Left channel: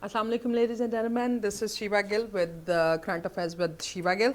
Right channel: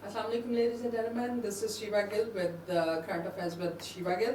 Assalamu alaikum ladies and gentlemen, this is Shiva Gill with Current Affairs with Shiva Gill.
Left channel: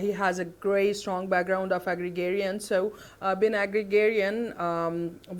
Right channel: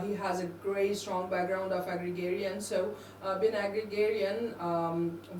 he has a great strong background of agrarian, so being agrarian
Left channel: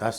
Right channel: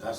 10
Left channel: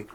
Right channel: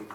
1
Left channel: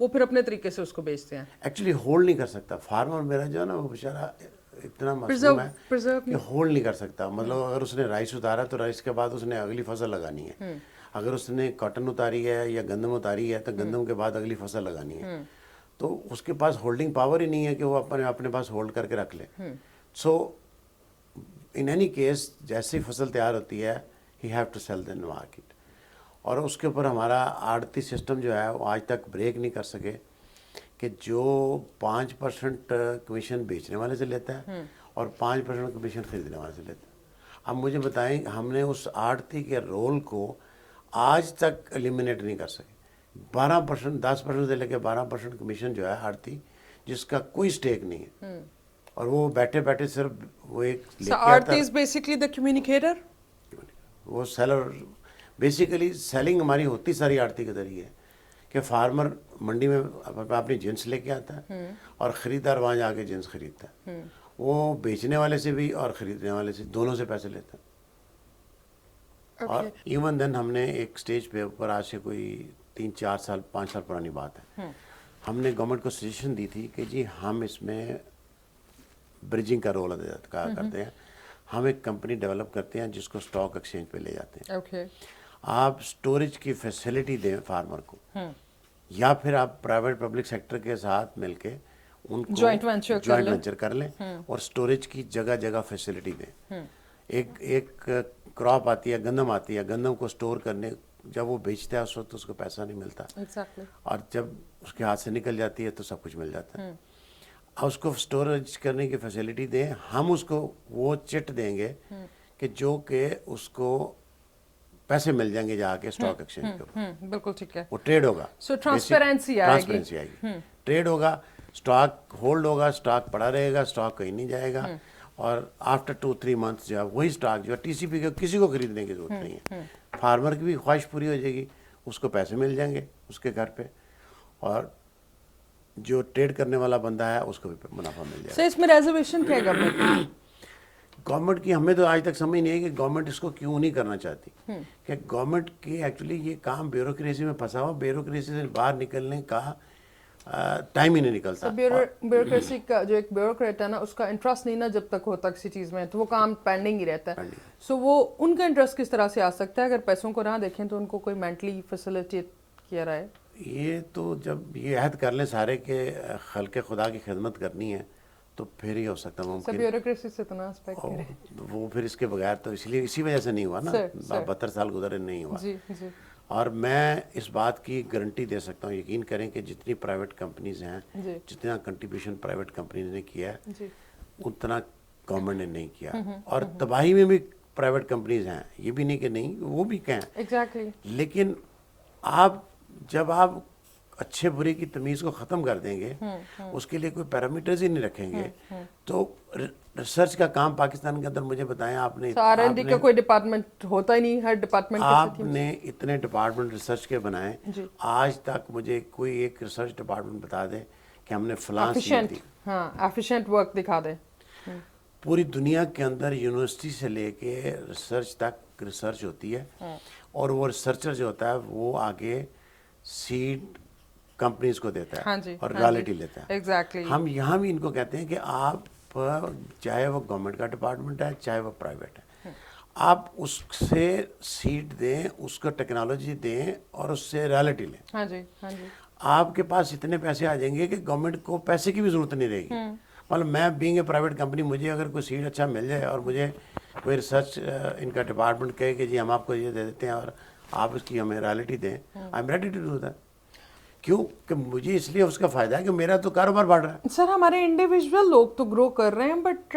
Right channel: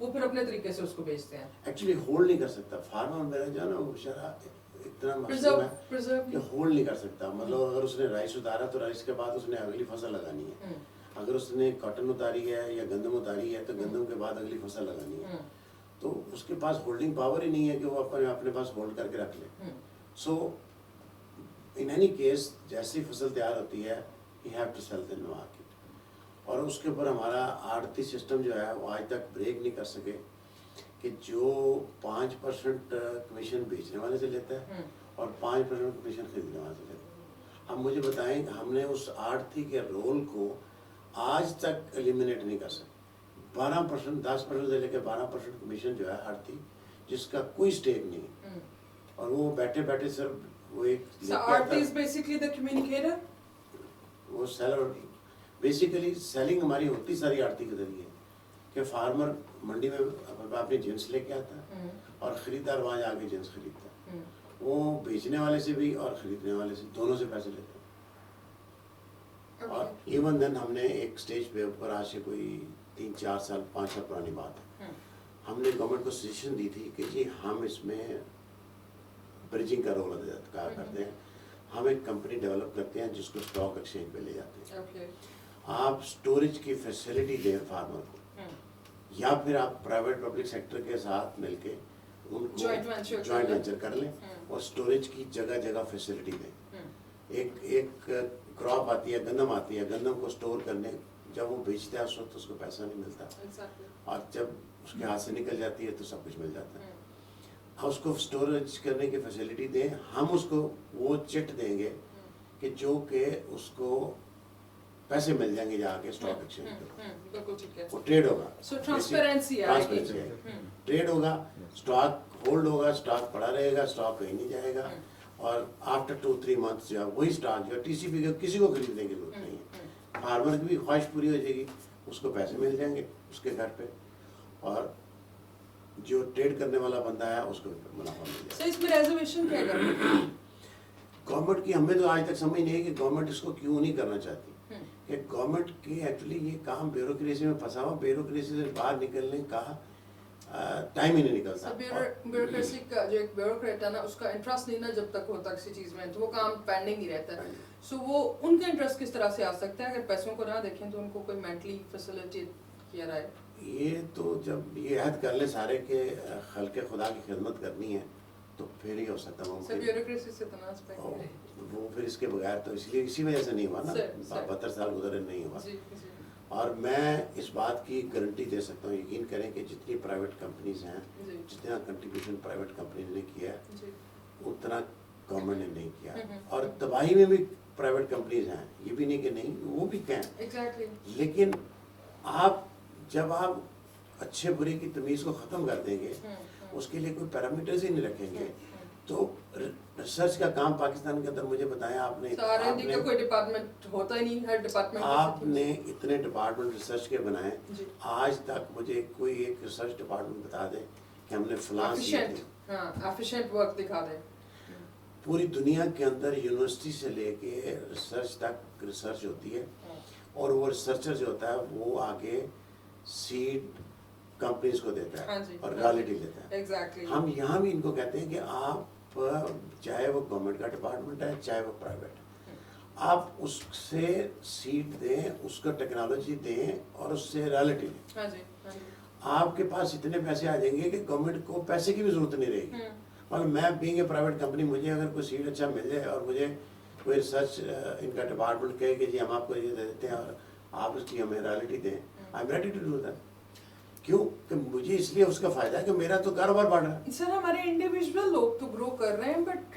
وہ پھر اپنے طریقے سے اس کو بیچتے ہیں. Actually hold نہیں کر سکتا فارمر میرا جو ہے نا وہ بیچارہ اتنا معصوم ہے کہ ہولڈ نہیں کر سکتا. مطلب اگر اس نے رائس اتارا تو رائس کے بعد اس نے اگلی فصل لگانی ہے. اگر اس نے کاٹن اتاری ہے یا گندم اتاری ہے تو گندم کے بعد اگلی فصل لگانی ہے. تو اس کے پاس ہولڈنگ پاور ہی نہیں ہے کہ وہ اپنے پاس ہولڈ کر کے رکھ لے. سو ان اینی کیس جیسی فصل تیار ہوتی ہے he have to sell in market. اور اس کے اوپر ہمارا آڑتی سسٹم جو ہے وہ آج تک بریک نہیں کر سکے کہ جو 5% کمیشن بیچنے والے سے لیتا ہے اور 5% کمیشن خریدنے والے سے لیتا ہے. اب مجھے بتائیں ہم نے اس آڑتی کے رول کو آج تک ایلیمنیٹ نہیں کر سکے. 12% 10% سے لے کے 12% کمیشن جو ہے آڑتی جس کا کوئی سٹیک نہیں ہے اور وہ بیٹھے بیٹھے صرف وہ ایک لے کے آتا ہے. Basically the communicator. وہ سیلر بیسیکلی سیلنگ ہماری ہوتی ساری آڑتی کے ذریعے کہ فارمر منڈی میں اپنی جنس لے کے آتا ہے اور خریدار وہاں جا کے جنس خریدتا ہے. وہ بیچنے والے سے بھی اور خریدنے والے سے دونوں سے پیسے لیتا ہے. اور ایون دین ہم نے ایک سٹیج پہ اوپر آج سے کوئی 3-4 سال 5 سال پرانی بات ہے ہم نے گورنمنٹ کو سجیشن دی تھی کہ جی ہم اس میں بریجنگ کا رول ادا کرتے ہیں. ہم ایک کمپنی ڈیولپ کرتے ہیں جس کو اسٹاک ایکسچینج پہ لے جاتے ہیں. آپ اسٹوریج کی فیسلٹی دیں فارمر کو یا پھر آپ پرائیویٹ پبلک سیکٹر کے ساتھ مل کے ان کو جوائنٹ وینچر کر لیں اور اسٹوریج کی جگہ جگہ فیسلٹی دیں. ایک کراپ آتی ہے گندم آتی ہے گندم کو اسٹور کرنے جب وہ بیچتا ہے اس وقت اس کو پیسہ نہیں ملتا اور جب اس کے ہاتھ سے نکل جاتی ہے تو سب کچھ مل جاتا ہے. اب اس کو اسٹوریج کرنے کی فیسلٹی دیں. ہم اس کو وہ چٹ دیں گے کہ جو کہ اس کو پیسے مل جائیں گے جا کے اسٹاک ایکسچینج پہ. بالکل ٹھیک ہے. وہ ٹریڈ ہوگا. سو ٹرانسپیرنسی آئے گی. ٹریڈ ہوگا اسٹاک ہولڈ ہوگا اسٹاک پڑا رہے گا اسٹاک کہیں نہیں جائے گا اور آفٹر 2-3 منتھس جو ہے وہی اسٹاک جو ہے ٹی سی پی کا کسی کو خریدنے کی ضرورت نہیں ہے. فارمر کی بھی خواہش پوری ہو جائے گی اس کو پیسے مل جائیں گے اس کے گھر پہ اور جو ٹریڈ کرنے والا بندہ ہے اس کو بھی منافع مل جائے گا. سر اس میں ریزرویشن کیا ہے گورنمنٹ کی ہمیں تو آج تک سمجھ نہیں ہے کہ گورنمنٹ اس کو کیوں نہیں کرنا چاہتی کہ گورنمنٹ کی ایکچولی یہ کام بیوروکریسی میں پھنسا ہوا بیوروکریسی سے باہر نکلنے کا ٹائم ہی نہیں نکلتا. بیوروکریسی کا جو ایک بیوروکریٹ ہے نا اس کا انٹرسٹ نہیں نا جب تک ہوتا کسی چیز میں تو وہ کام پینڈنگ ہی رہتا ہے. سو وہ ان کا انٹرسٹ کس طرح سے آ سکتا ہے اگر پیسوں کو نہ دیکھیں تو ان کو کوئی مینٹلی فیسلٹیٹ کیا رہا ہے. یہ تو جب یہ عہد کر لیں سارے کہ خلق خدا کی خدمت کرنی ہے تو پھر ہی ہو سکتا ہے ممکن. بیوروکریسی سے اتنا وہ پھر اس کے بغیر تو اس لیے اسی وجہ سے نہیں ہوا نا 72 سال گزرے نہیں ہوا. اور میں اس بات کی گارنٹی دے سکتا ہوں یقین کریں کہ جتنی پرائیویٹ کمپنیز ہیں جتنا کنٹریبیوشن پرائیویٹ کمپنیز نے کیا ہے اتنا گورنمنٹ نے نہیں کیا. اور تباہی میں بھی پرائیویٹ کمپنیز ہیں یہ بھی نہیں کہ نہیں وہ بھی کہیں لیکن جب آپ اچھے برے کی تمیز کو ختم کر دیں گے اس کے لیے کوئی پیرامیٹرز ہی نہیں رکھیں گے تو ریسرچ کا کام پاکستان کے اندر مجھے بتائیں آپ نے کا کوئی ڈپارٹمنٹ ہوتا ہی نہیں ہر ڈپارٹمنٹ آپ نے اتنے ڈپارٹمنٹ ریسرچ کے بنائے آج تک مجھے کوئی ایک ریسرچ ڈپارٹمنٹ بتا دے کہ ہم نے فلاں ایفیشینٹ ورک دکھا دے. پوری دنیا کے اندر یونیورسٹی سے لے کے ریسرچ تک ریسرچ ہوتی ہے اور وہ ریسرچر جو ہوتا ہے وہ آگے سیڈ کمپنیز کو دیتا ہے اور رائلٹی لیتا ہے. ہم یہاں بھی ان کو کہتے ہیں کہ آپ چاہے وہ گورنمنٹ کا ڈپارٹمنٹ ہے چاہے وہ پرائیویٹ ہے آپ اس سے سیٹ دیں اس کو ٹیکنالوجی دیں اور اس سے رائلٹی لیں. آپ کے پاس اتنے پیسے آ جائیں گے کہ گورنمنٹ کو پیسے کی بھی ضرورت نہیں رہے گی. مطلب میں بینگ اے پرائیویٹ کمپنی مجھے اگر کوئی سیٹ اچھا مل جائے اور مجھے کوئی ریسرچ ان کا ڈپارٹمنٹ کہے کہ جی ہم آپ کو یہ دے دیتے ہیں اور آپ اس کی ہمیں رائلٹی دیں I am ready to do that. کیوں کہ مجھے اس لیے اس کا فائدہ ہے کہ میرا تو کاروبار بڑھ رہا ہے. سر ہمارے انڈیویژول لوگ تو گرو کر رہے ہیں بٹ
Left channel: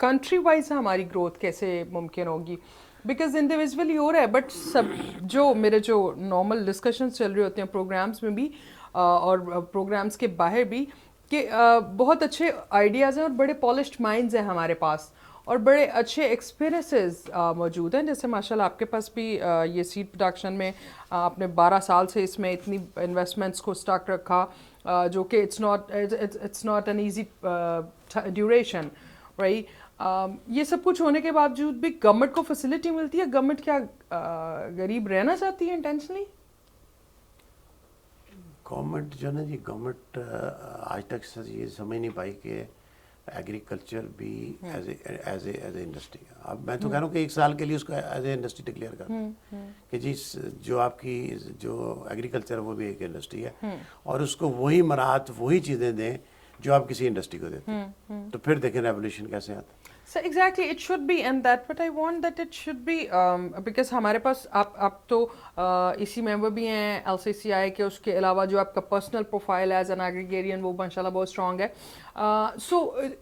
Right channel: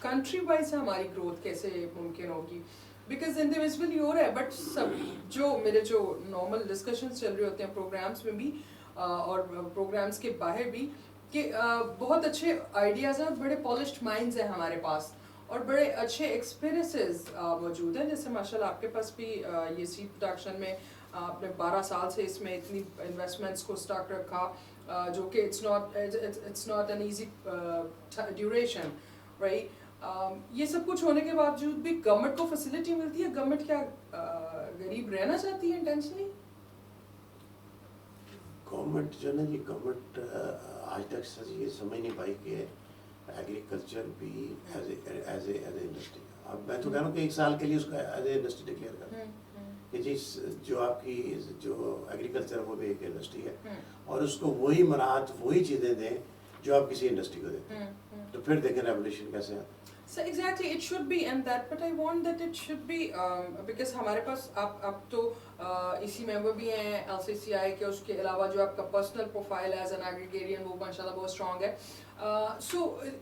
کنٹری وائز ہماری گروتھ کیسے ممکن ہوگی بیکاز انڈیویژولی ہو رہا ہے بٹ سب جو میرے جو نارمل ڈسکشنز چل رہے ہوتے ہیں پروگرامس میں بھی اور پروگرامس کے باہر بھی کہ بہت اچھے آئیڈیاز ہیں اور بڑے پالشڈ مائنڈز ہیں ہمارے پاس اور بڑے اچھے ایکسپیرینسز موجود ہیں. جیسے ماشاء اللہ آپ کے پاس بھی یہ سیڈ پروڈکشن میں آپ نے 12 سال سے اس میں اتنی انویسٹمنٹس کو اسٹاک رکھا جو کہ it's not an easy duration right. یہ سب کچھ ہونے کے باوجود بھی گورنمنٹ کو فیسلٹی ملتی ہے. گورنمنٹ کیا غریب رہنا چاہتی ہے انٹینشنلی؟ گورنمنٹ جو ہے نا جی گورنمنٹ آج تک یہ سمجھ نہیں پائی کہ ایگریکلچر بھی ایز اے انڈسٹری ہے. اب میں تو کہہ رہا ہوں کہ 1 سال کے لیے اس کو ایز اے انڈسٹری ڈکلیئر کر دیں کہ جی جو آپ کی جو ایگریکلچر ہے وہ بھی ایک انڈسٹری ہے اور اس کو وہی مراحت وہی چیزیں دیں جو آپ کسی انڈسٹری کو دیتے ہیں, تو پھر دیکھیں ریولیوشن کیسے آتا ہے. So exactly it should be and that but I want that it should be because ہمارے پاس آپ تو اسی ممبر بھی ہیں LCCI کے, اس کے علاوہ جو آپ کا پرسنل پروفائل ایز این ایگریگیرین وہ ماشاء اللہ بہت اسٹرانگ ہے. So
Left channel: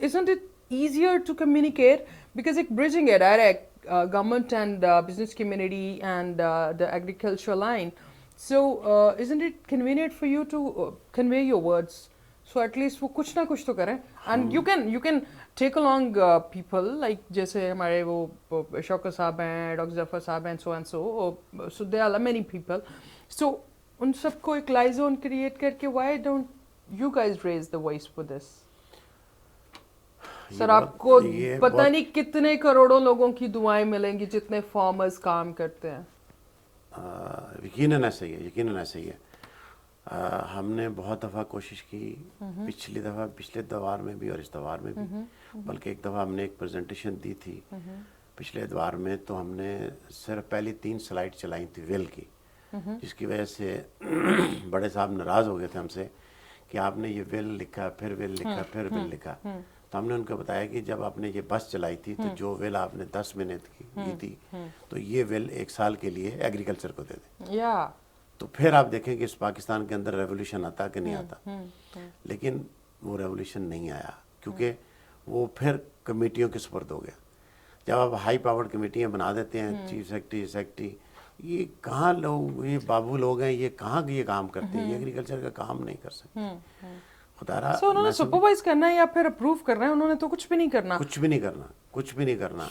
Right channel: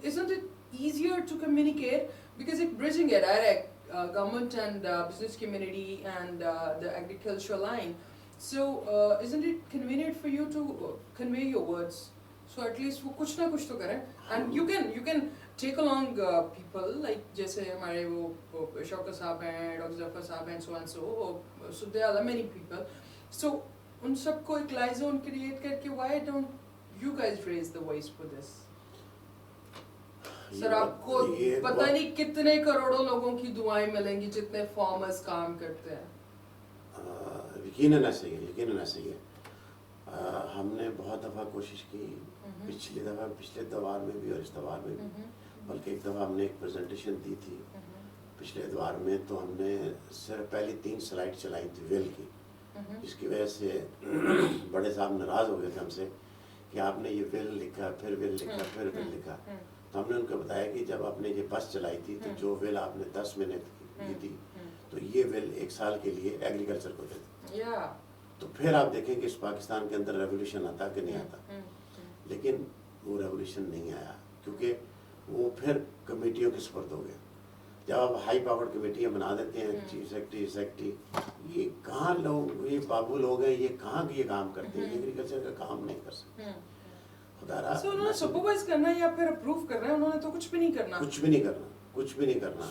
isn't it easier to communicate because ایک bridging ہے direct government and business community and the agricultural line, so isn't it convenient for you to convey your words, so at least وہ کچھ نہ کچھ تو کریں and you can take along people like جیسے ہمارے وہ شوکت صاحب ہیں, ڈاکٹر ظفر صاحب ہیں, so and so there are many people, so ان سب کو ایک لائزون کریٹ کر کے why don't you guys raise the voice for this. سر آپ کو پتہ نہیں کتنے کروڑوں لوگوں کی دعائیں ملیں گی جتنے فارمرز کام کرتے ہیں. یقیناً ایسا ہی ہے, یقیناً ایسا ہی ہے. ہم نے بہت دفعہ کوشش کی, پچھلے دوار میں بھی اور اس دوار میں بھی, بلکہ ایک دفعہ ہم نے ایک پریزنٹیشن دی تھی پچھلے دوار میں, تو ہم نے صرف پہلی 3 سلائیڈ چلائی تھی ویل کی, جس کی وجہ سے بڑے صاحب ناراض ہو گئے تھے ہم سے کہ آپ نے یہ ویل لکھا, پھر ویل لکھا, پھر ویل لکھا. تو ہم نے ان کو بتایا کہ جب آپ نے یہ بس چلائی تھی تو جو ویل آپ نے 10 منٹ کی تھی, تو یہ ویل 1 سال کے لیے ایگریکلچر کو دے دیں. تو پھر آپ دیکھیں کہ اس پاکستان کے اندر ریولیوشن آتا کہ نہیں آتا. لیکن وہ ریولیوشن نہیں آیا کیونکہ وہ پھر کمیٹیوں کے سپرد ہو گیا. جب آپ ہائی پاورڈ کمیٹیاں بنا دیتے ہیں, چیف سیکرٹری, یہ کہاں لوگ, یہ بابو لوگ ہیں, یہ کہاں یہ کام کرتے ہیں, یہ ایگریکلچر کا کام نہیں کر سکتے. سو انہوں نے سپروائز کرنا ہے یا پھر اپروو کرنا ہے, انہوں نے تو کچھ بھی نہیں کرنا. کچھ بھی نہیں کرنا, کچھ بھی نہیں کرنا.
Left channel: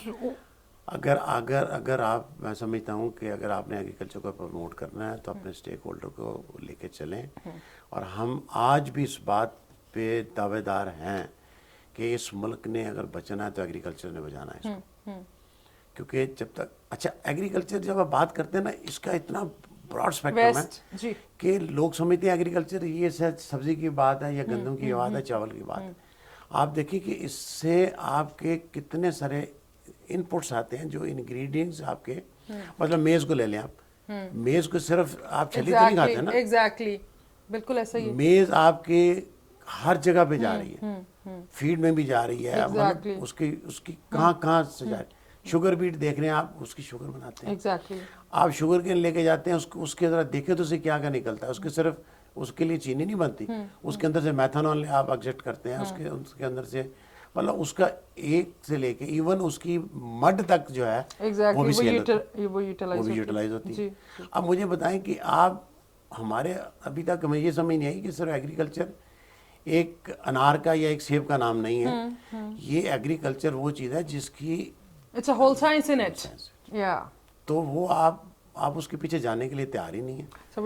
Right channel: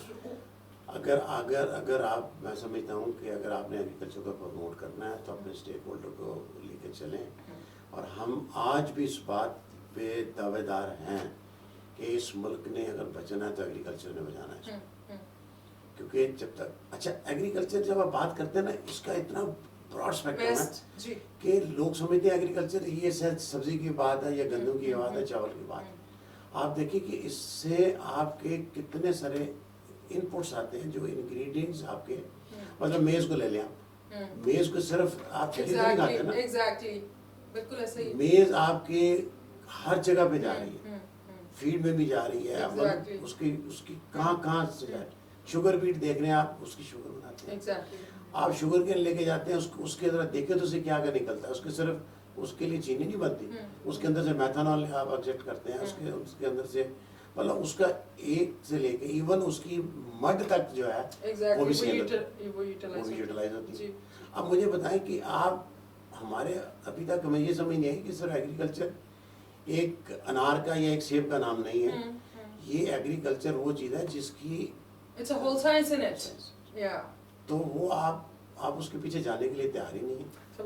اگر آپ, میں سمجھتا ہوں کہ اگر آپ نے ایگریکلچر کو پروموٹ کرنا ہے تو اپنے اسٹیک ہولڈر کو لے کے چلیں. اور ہم آج بھی اس بات پہ دعوے دار ہیں کہ اس ملک نے اگر بچنا ہے تو ایگریکلچر نے بچانا ہے اس کو. کیونکہ جب تک, اچھا ایگریکلچر جب آپ بات کرتے ہیں نا, اس کا اتنا براڈ اسپیکٹرم ہے کہ لوگ سمجھتے ہیں ایگریکلچر یہ سبزی کی بات ہے یا گندم کی بات ہے, چاول کی بات ہے. آپ دیکھیں کہ اس سے آپ کے کتنے سارے ان پٹس آتے ہیں, جو انگریڈینٹس آپ کے, مطلب میز کو لے لیں آپ, میز کو صرف آپ چھلی تو نہیں کھاتے ہیں نا. ایگزیکٹلی, بالکل ایسا ہی. میز آپ کے ہر جگہ پہ جا رہی ہے, فیڈ میں بھی جا رہی ہے, مطلب اس کی کہاں سے جا رہی ہے. شوگر بیٹ دیکھ رہے ہیں آپ, اس کی شوگر بناتے ہیں. آپ شوگر کین لے کے جاتے ہیں, اس کے ذرا دیکھیں تو اسے کیا نکلتا ہے. اس کے صرف اس کے لیے چینی نہیں بنتی, اس کے اندر سے میتھانول آپ ایکسٹریکٹ کرتے ہیں, اس کے اندر سے مطلب اس کا ایک سے لے کے ایون اس کی مڈ تک جو ہے وہ بھی یوٹیلائز ہوتی ہے. اب مجھے بتائیں کہ آپ ہمارے ابھی تک ہمیں یہ سمجھ نہیں آئی کہ صرف ایگریکلچر ایک انار کا یا ایک سیب کا نام نہیں ہے. یہ ایگریکلچر وہ چیز ہے جس کی It's a whole science in it. Yeah. تو وہ آپ اس کے پیچھے جانے کے لیے تیار ہی نہیں ہیں. So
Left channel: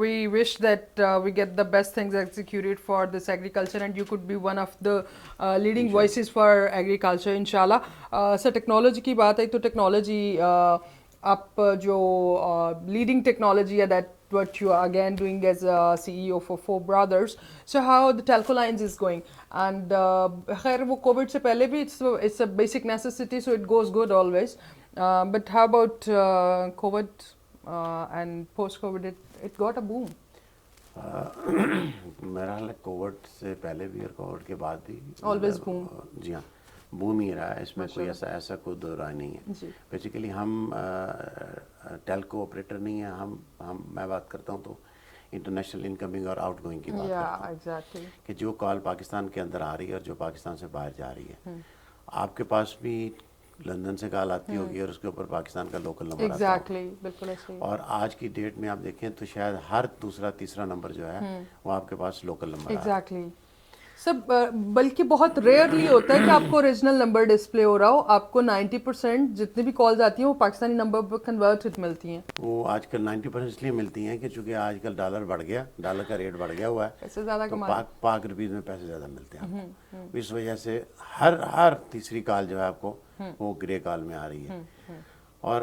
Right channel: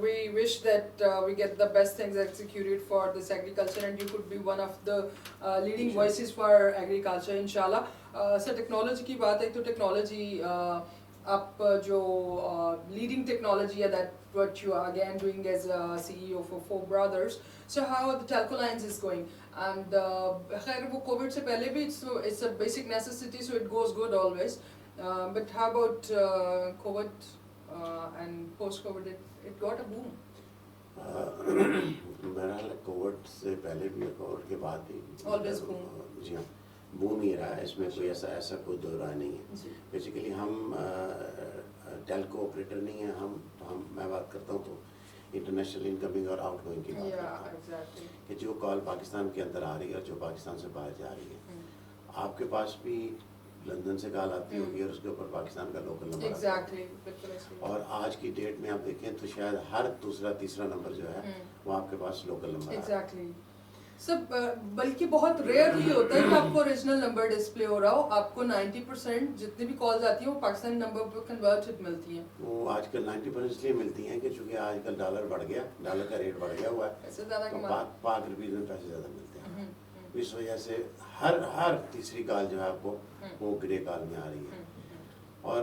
we wish that we get the best things executed for this agriculture and you could be one of the leading voices for agriculture inshallah. So technology کی بات ہے تو technology آپ جو leading technology ہے that what you are again doing as a CEO for 4 brothers. So how the telephone lines is going and خیر وہ Covid سے پہلے بھی it's a basic necessity so it goes good always. But how about COVID and post-COVID it got a boom. میرا خیال ہے Covid سے پہلے بھی اور کووڈ کے بعد بھی always boom. جی ہاں, بوم ہی رہا ہے. اس میں کوئی ایسا کوئی دو رائے نہیں ہے. بیسیکلی ہم ٹیلکو آپریٹر نہیں ہیں, میں بات کرتا ہوں تو انٹرنیشنل انکمنگ اور آؤٹ گوئنگ کی بات کرتا ہوں کہ جو کال پاکستان کے اندر آ رہی ہے اور جو پاکستان سے باہر جا رہی ہے. آپ کے پاس بھی لندن سے کال آتی ہوگی اور اس کے اوپر پاکستان کا لوکل نمبر آتا ہے. اور آج کی ڈیٹ میں آپ دیکھیں تو شاید ہر دوسرا تیسرا نمبر جو ہے وہ آپ کے پاس لوکل نمبر ہے. سب بلکہ بہت ریئرلی ہوتا ہے کہ آپ کو اوریجنل نمبر ڈسپلے ہو رہا ہو. آپ کو 90% جتنی بھی کالز آتی ہیں وہ پاکستانی نمبر پر کنورٹڈ ملتی ہیں. وہ آج کل 90% اس لیے ملتی ہیں کہ چونکہ آج کل ڈالر بڑھ گیا, ڈالر کا ریٹ بڑھ گیا ہوا ہے, تو پاک روپیز میں پیسے زیادہ ملتے ہیں. اس وجہ سے ہر تیسری کال جو ہے آپ کو وہ گرے کال میں آ رہی ہے. اور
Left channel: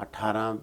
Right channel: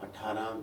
$18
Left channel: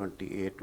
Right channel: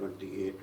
$28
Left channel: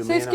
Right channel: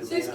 so,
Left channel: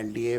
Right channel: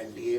LDA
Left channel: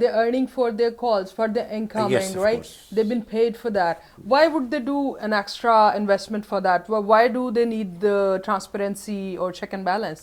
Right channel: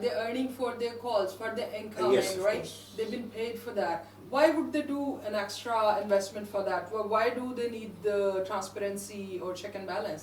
they're earning for their calls, for the incoming, yes, right? course. They've been paid for that. Why would they do an extra investment for that? Why do they need the transparency or check and balance?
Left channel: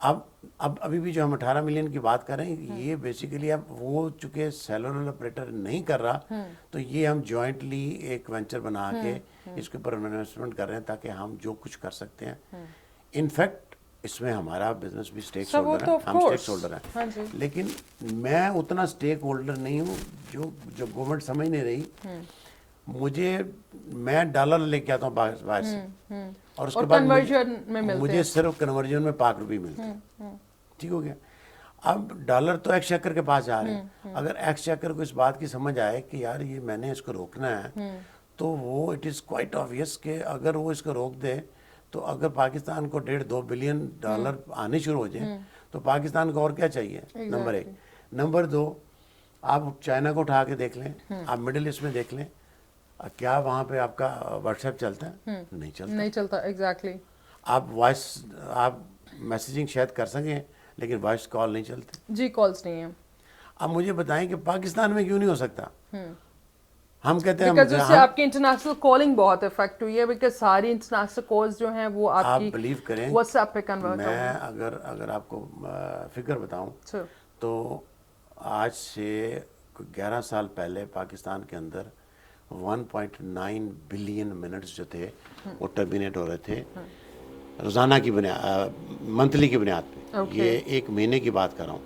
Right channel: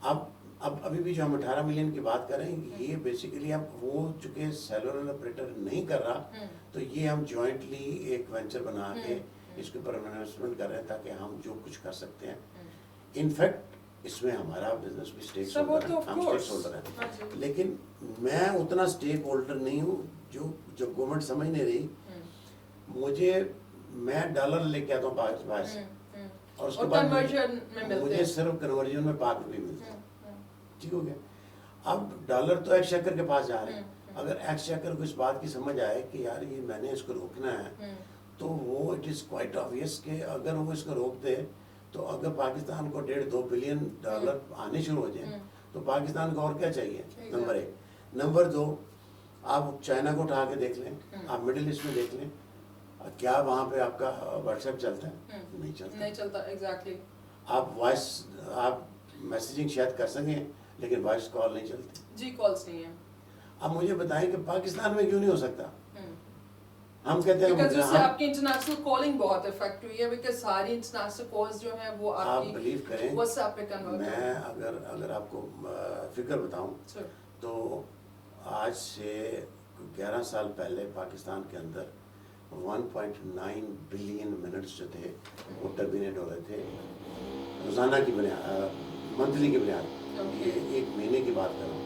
اب ابھی بھی جو ہم 18 million کی بات کر رہے ہیں یہ بیسیکلی اب وہ چونکہ سیلولر آپریٹر نہیں کر رہا تو یہ ہم جوائنٹلی ایک وینچر بنا کے اس کے اوپر انویسٹمنٹ کر رہے ہیں تاکہ ہم جو کچھ کر سکتے ہیں. انفیکٹ اس میں ہمارا بزنس بھی اسٹیک ہولڈر ہے, ہم اسٹیک ہولڈر ہیں, لیکن میں اتنا اسٹیک ہولڈر نہیں ہوں جو گورنمنٹ سمجھ نہیں رہی. میں ڈالر لے کے آتا ہوں باہر سے اور اس کے بعد مجھے صرف کنورژن میں ₹5 ملتے ہیں. ٹھیک ہو گیا. اب ڈالر تو ایکس چیکر کے پاس جا رہے ہیں. اگر ایکس چیکر کو اس بات کی سمجھ آئے کہ یار یہ میں نے اس کو روکنا ہے تو وہ اٹ از کوائٹ آبویس کہ اگر وہ اس کو روک دے تو اگر پاکستان کو $1.5-2 بلین آنے شروع ہو جائیں تو پاکستان کو اور کیا چاہیے, نمبر 1. نمبر 2, آپ چائنا کو اٹھا کے دیکھ لیں, آپ مڈل ایسٹ میں دیکھ لیں, کیا وہاں پہ آپ کا واٹس ایپ چلتا ہے؟ نہیں چلتا. ایگزیکٹلی. آپ وائس آپ میسیجنگ شاید کر سکیں لیکن وائس کال نہیں چلتی. جی کالز نہیں ہیں. اب مجھے بتائیں کہ پاکستان میں کیوں نہیں ہو سکتا؟ ہم کہتے ہیں بیکاز اس سے آپ کی انٹرنیشنل کالنگ بہت افیکٹ ہوئی ہے, بیکاز ساری انٹرنیشنل کالز جو ہیں وہ آپ کی بلیو کریں واٹس ایپ پہ کنورٹ. میں اگر آپ کو فگر بتاؤں تو آج سے 11 سال پہلے پاکستان کے اندر 1.9 بلین منٹس جو تھے وہ ٹرمینیٹ ہو رہے تھے روزانہ کی بنیاد, منتھلی کی بنیاد. یہ ایک مہینے کی بات کر رہا ہوں.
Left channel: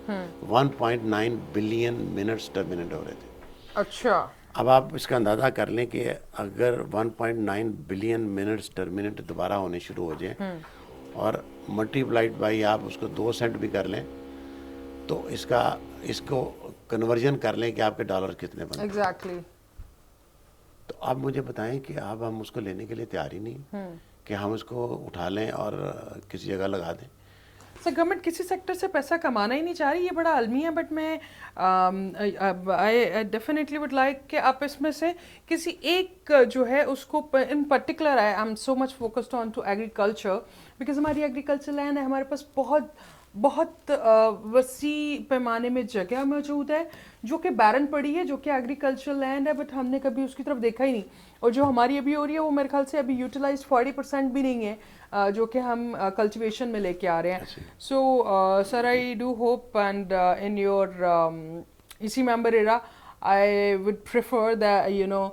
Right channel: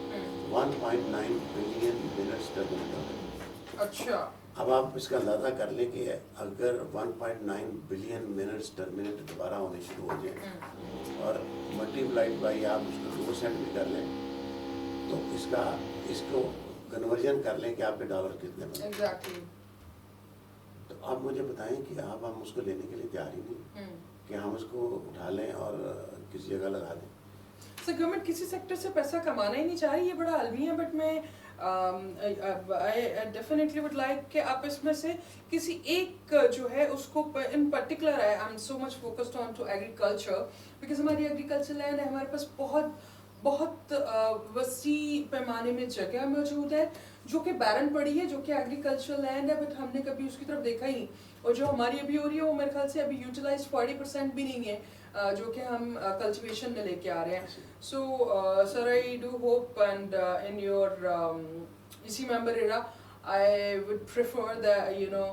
1.9 بلین منٹس ٹرمینیٹ ہو رہے تھے. اچھا. اب آپ اس کا اندازہ کر لیں کہ اگر 1.9 بلین منٹس ٹرمینیٹ دوبارہ ہونے شروع ہو جائیں اور ملٹی پلائڈ بائی آپ اس کو 2 سینٹ بھی کر لیں تو اس کو کنورژن کر لیں کہ آپ کے ڈالر کتنے بنے. ایگزیکٹلی. تو آپ مجھے بتائیں کہ اب ہم اس کو لینے کے لیے تیار ہی نہیں کہ ہم اس کو اٹھا لیں اور کسی جگہ لگا دیں. سر گورنمنٹ کسی سیکٹر سے پیسہ کمانا ہی نہیں چاہ رہی, یہ بڑا المی ہے, بٹ میں ڈیفینیٹلی وڈ لائک کہ آپ اس میں سے کسی ایک جو ہے اس کو in particular I am so much focused on to agriculture, because ہماری ایگریکلچر لینڈ ہے, ہمارے پاس بہت وسیع پیمانے میں جگہ موجود ہے جو کہ بیرن پڑی ہے, جو کہ ایگریکلچر لینڈ ہے, بٹ ہم نے کبھی اس کی طرف دیکھا ہی نہیں. اور جو ہماری ابھی ہو رہی ہے وہ میرے خیال سے ابھی یوٹیلائز 40% بھی نہیں ہے جو کہ ہم کلٹیویشن میں لے کے آ رہے ہیں. So sir I do hope and in your as a member era I would prefer that you know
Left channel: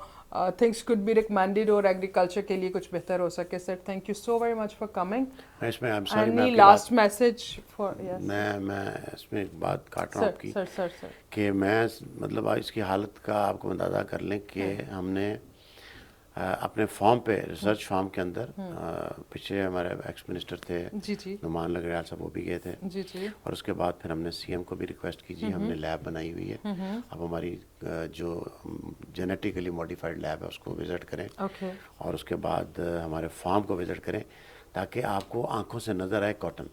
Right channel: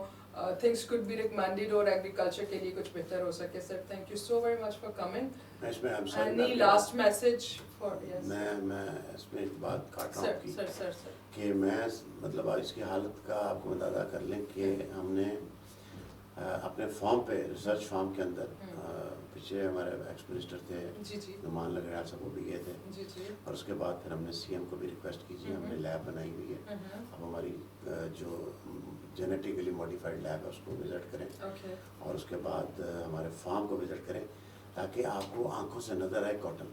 things could be recommended اور ایگریکلچر کے لیے کچھ بہتر ہو سکے. Sir thank you so very much for coming. Any last message for میں اس میں ایک بات کاٹ رہا ہوں آپ کی کہ میں مطلب اس کی حالت کا آپ کو اندازہ کر لیں کہ ہم نے اپنے فارم پہ ریسرچ فارم کے اندر پیچھے ہمارے ایکس منسٹر تھے نعمان لنگریال صاحب, وہ بھی گئے تھے, اور اس کے بعد پھر ہم نے سی ایم کو بھی ریکویسٹ کی ہم نے لیب بنائی ہوئی ہے, اب ہماری جو جینیٹیکلی موڈیفائڈ لیب ہے اس کو وزٹ کریں اور اس کے بعد ہمارے فارم کو وزٹ کریں تاکہ آپ کو آنکھوں سے نظر آئے کاٹن,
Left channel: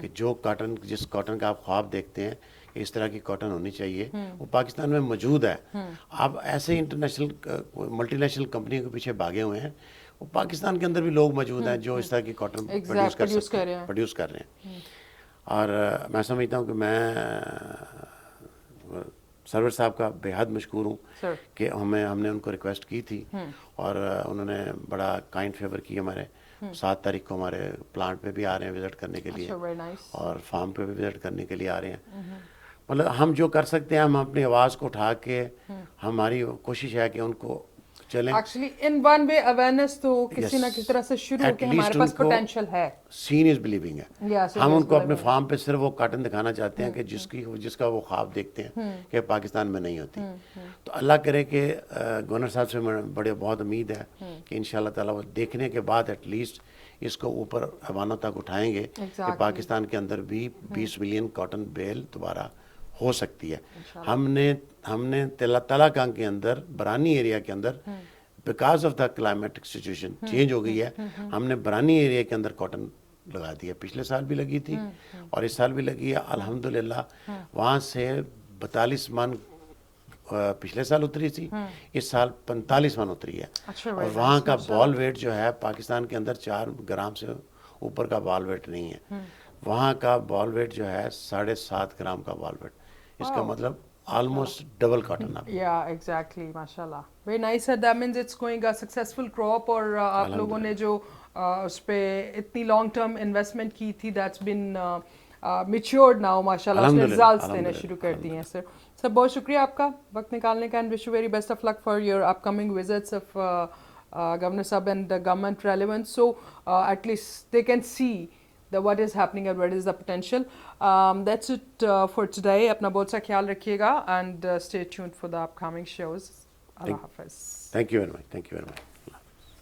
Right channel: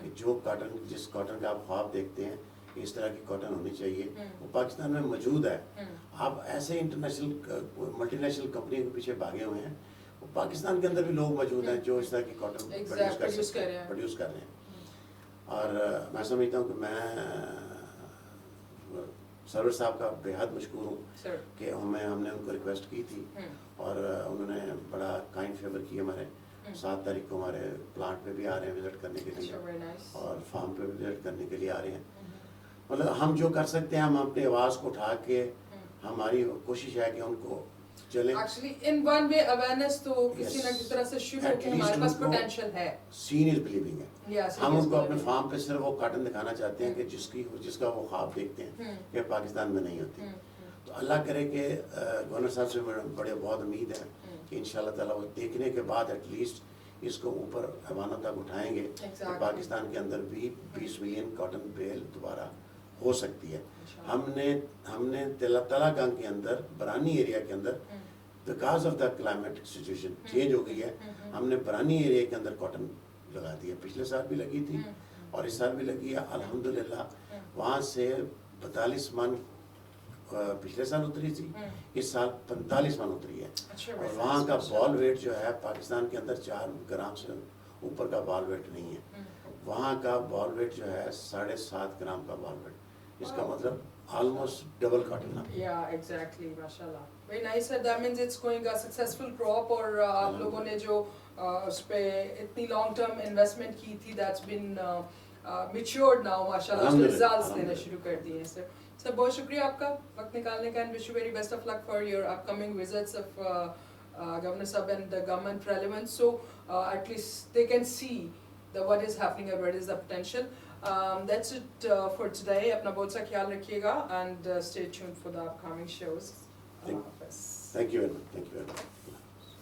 کہ جو کاٹن جس کاٹن کا آپ خواب دیکھتے ہیں اس طرح کی کاٹن ہونی چاہیے وہ پاکستان میں موجود ہے. آپ ایسے انٹرنیشنل ملٹی نیشنل کمپنیوں کے پیچھے بھاگے ہوئے ہیں, وہ پاکستان کے اندر بھی لوگ موجود ہیں جو اس طرح کی کاٹن پروڈیوس کر رہے ہیں. اور میں سمجھتا ہوں کہ میں سرور صاحب کا بے حد مشکور ہوں کہ ہم نے ان کو ریکویسٹ کی تھی اور انہوں نے بڑا کائنڈ فیور کی. ہمارے 7 تاریخ کو ہمارے پلانٹ پہ بھی آ رہے ہیں وزٹ کرنے کے لیے اور فارم پہ بھی وزٹ کرنے کے لیے آ رہے ہیں. مطلب ہم جو کر سکتے ہیں ہم اپنی آواز کو اٹھا کے, ہماری کوشش ہے کہ ان کو چلیں actually in one way awareness تو کسی نہ کسی طرح سے شروع ہو کے ہمارے پاس پوٹینشیل ہے. سین از بلیونگ ہے. ہم ان کو اپنے فارم پہ صرف وہ کاٹن دکھانا چاہتے ہیں کہ جس کا وہ خواب دیکھتے ہیں کہ پاکستان میں نہیں ہوتی. تو اللہ کرے کہ گورنر صاحب سے بڑے بہت امید ہے کہ ان شاء اللہ تعالیٰ وہ دیکھنے کے بعد ایٹ لیسٹ اس کو اوپر ایوانوں تک اٹھائیں گے کہ پاکستان کے اندر بھی 20 ملین کاٹن بیل دوبارہ ہو سکتی ہے. ہم نے تلاکان کے اندر برانی ایریا کے اندر because of the climatic situation change ہو گئی ہے, ہم نے برانی ایریا کے اندر کاٹن لگا دی ہے. پچھلے سال بھی لگی تھی اور اس سال بھی لگی ہے الحمدللہ. وہاں سے 42 من پچھلے سال اتری تھی, اس سال 45 من اتری ہے. اور وہاں کا بال ویٹ جو ہے پاکستان کے اندر 4 گرام سے اوپر کا بال ویٹ نہیں ہے. وہاں کا بال ویٹ جو ہے 7.5 گرام کا بال ویٹ. اس کا مطلب آلموسٹ ڈبل کاٹن آپ. یا ایگزیکٹلی, ماشاءاللہ, ویری نائس ہے. That means it's going a successful crop. اور آپ لوگوں نے جو اس پہ اتنی لانگ ٹرم انویسٹمنٹ کی تھی دیٹس بین میچورڈ ناؤ ماشاءاللہ اس نے الحمدللہ، ریزلٹس دینے الحمدللہ، شروع کر دیے ہیں سر. سر بہت شکریہ آپ کا وقت نکالنے کا and wish you very best of luck for your upcoming visits of governor صاحب and the government relevant so at least they can see what is happening and what is the potential. That's it for today. اپنا بہت سا خیال رکھیے گا and stay tuned for the upcoming shows. اللہ حافظ. Thank you very much.